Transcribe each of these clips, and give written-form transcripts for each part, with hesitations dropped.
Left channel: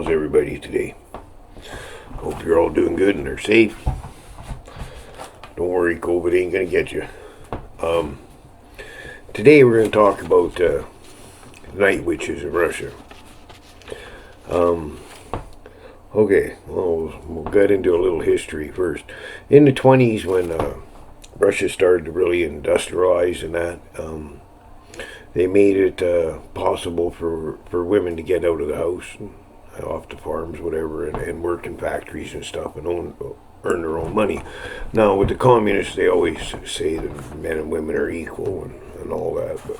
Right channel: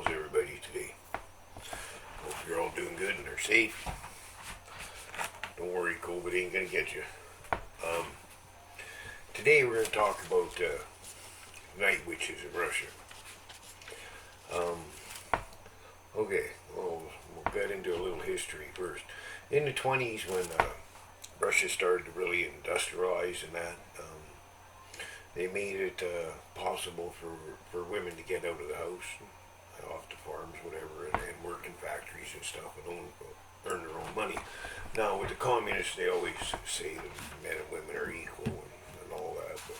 How's everybody today? Hope you're all doing good and are safe. Don't worry, COVID ain't gonna get you. Today we're gonna talk about night witches in Russia. Okay, well, we'll get into a little history first. In the 20s, when Russia started to really industrialize and that, they made it possible for women to get out of the house, and off the farms, whatever, and work in factories and stuff and earn their own money. Now, with the communists, they always say that men and women are equal and all that, but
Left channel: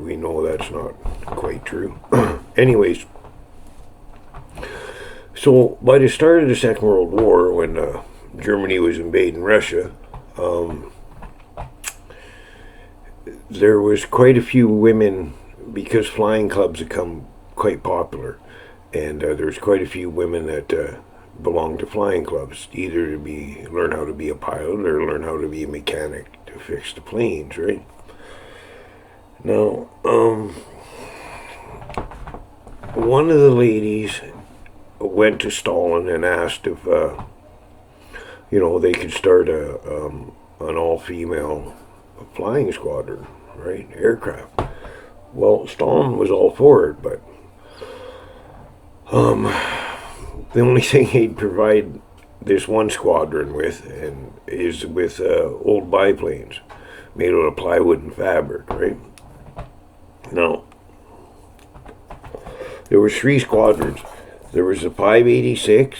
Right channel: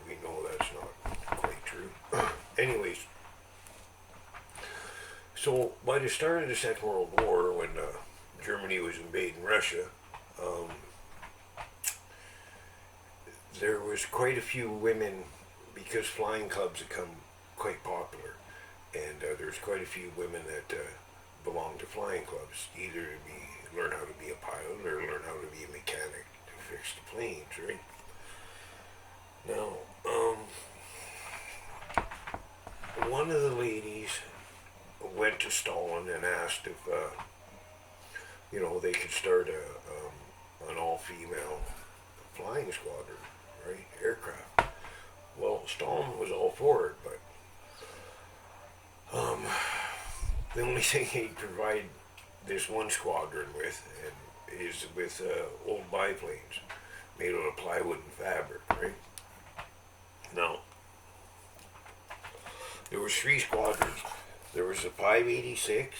we know that's not quite true. Anyways, so by the start of the Second World War, when Germany was invading Russia, there was quite a few women, because flying clubs had become quite popular, and there's quite a few women that belong to flying clubs, either to learn how to be a pilot or learn how to be a mechanic to fix the planes, right? Now, one of the ladies went to Stalin and asked if they could start an all-female flying squadron, right? Aircraft. Well, Stalin was all for it, but the only thing he'd provide this one squadron with is with old biplanes made out of plywood and fabric, right? Now, there was 3 squadrons. There was a 586,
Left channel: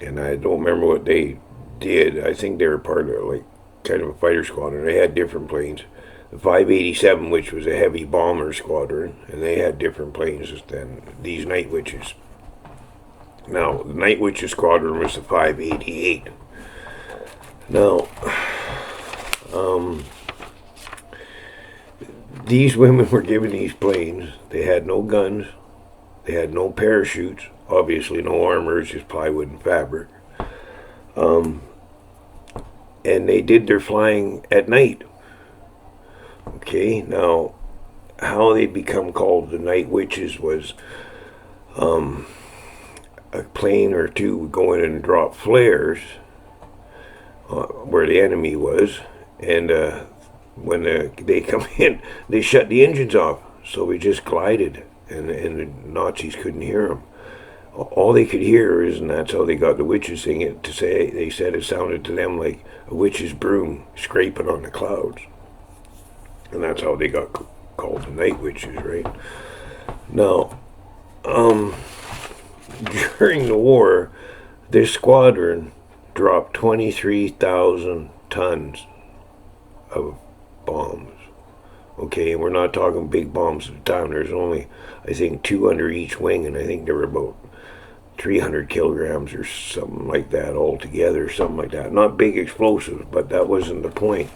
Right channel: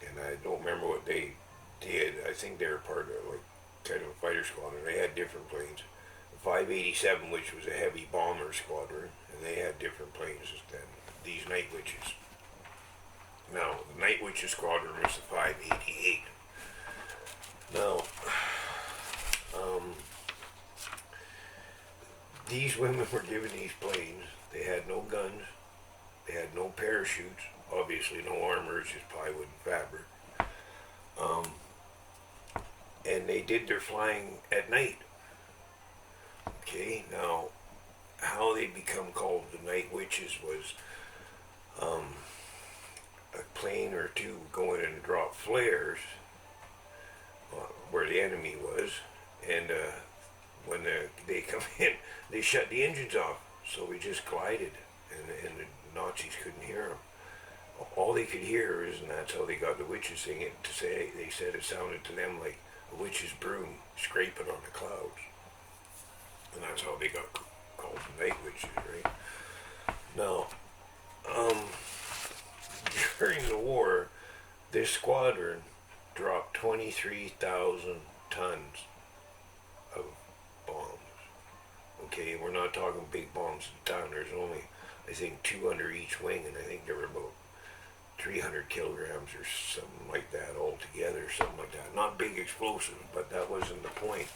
and I don't remember what they did. I think they were part of kind of a fighter squadron. They had different planes. The 587, which was a heavy bomber squadron, and they had different planes than these Night Witches. Now, the Night Witches squadron was the 588. Now, these women were given these planes. They had no guns. They had no parachutes. Obviously, no armor, just plywood and fabric. And they did their flying at night. Okay, now, how they become called the Night Witches was a plane or two would go in and drop flares where the enemy was, and when they come in, they shut the engines off, so we just glided, and the Nazis couldn't hear them. All they could hear is, and that's how they got the witches thing, they said it sounded to them like a witch's broom scraping on the clouds. And that's how they got called the Night Witches, right? Now, during the war, this squadron dropped 23,000 tons of bombs. Okay, and we're not talking big bombs at the time. There's only, I think, 2 under each wing, and I think there were about 300 kilograms or something like that altogether, something like that. Not big explosives, but that wasn't the point.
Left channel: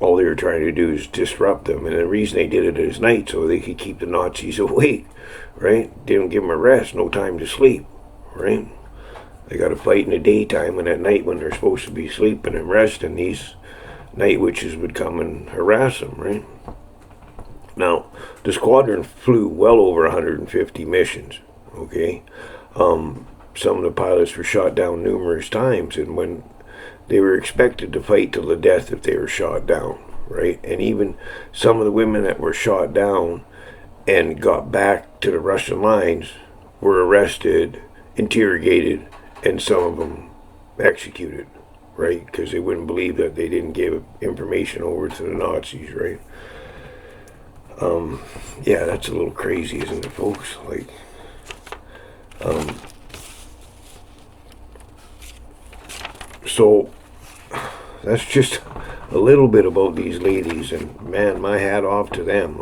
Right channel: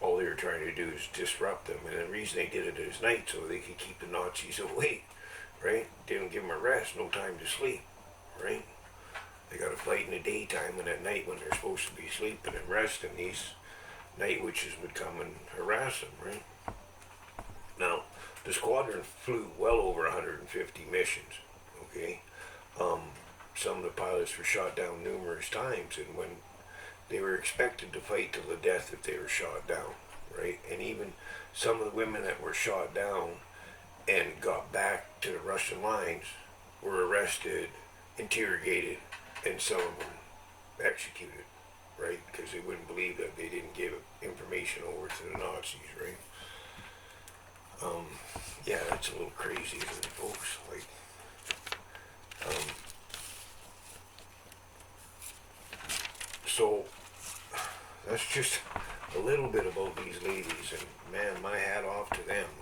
All they were trying to do is disrupt them, and the reason they did it is night, so they could keep the Nazis awake, right? Didn't give them a rest, no time to sleep, right? They got to fight in the daytime, and at night when they're supposed to be sleeping and resting, these Night Witches would come and harass them, right? Now, the squadron flew well over 150 missions, okay? Some of the pilots were shot down numerous times, and when they were expected to fight till the death if they were shot down, right? And even some of the women that were shot down and got back to the Russian lines were arrested, interrogated, and some of them executed, right? Because they wouldn't believe that they didn't give information over to the Nazis, right? Yeah, that's a little crazy, isn't it, folks? So that's just a little bit about these ladies, and man, my hat off to them.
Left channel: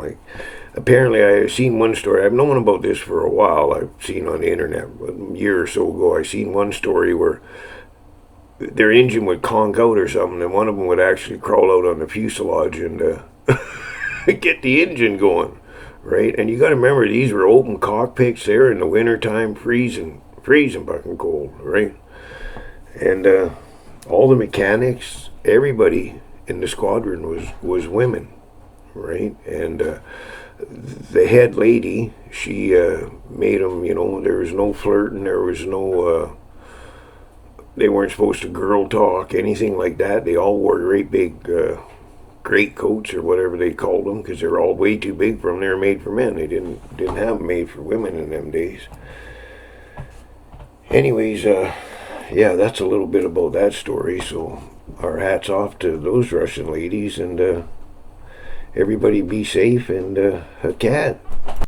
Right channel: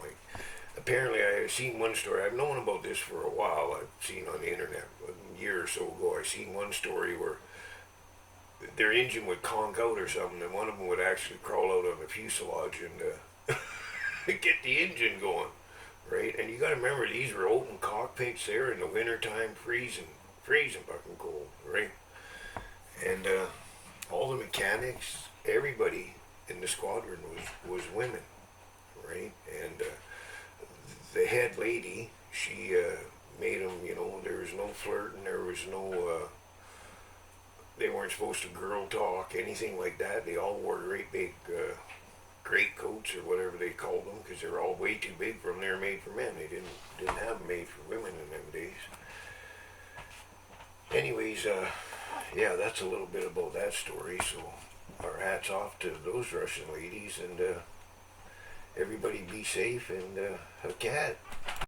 Apparently I've seen one story, I've known about this for a while, I've seen on the internet, a year or so ago, I seen one story where their engine would conk out or something, and one of them would actually crawl out on the fuselage and get the engine going, right? And you got to remember, these were open cockpits there in the wintertime, freezing fucking cold, right? And all the mechanics, everybody in the squadron was women, right? And the head lady, she made them, there was no flirting, there was no, they weren't supposed to girl talk, anything like that. They all wore great big great coats or whatever they called them because they're all way too big for them. They were made for men. They didn't have them made for women in them days. Anyways, yeah, that's a little bit about that story. So our hats off to those Russian ladies, and everybody be safe, and a cat.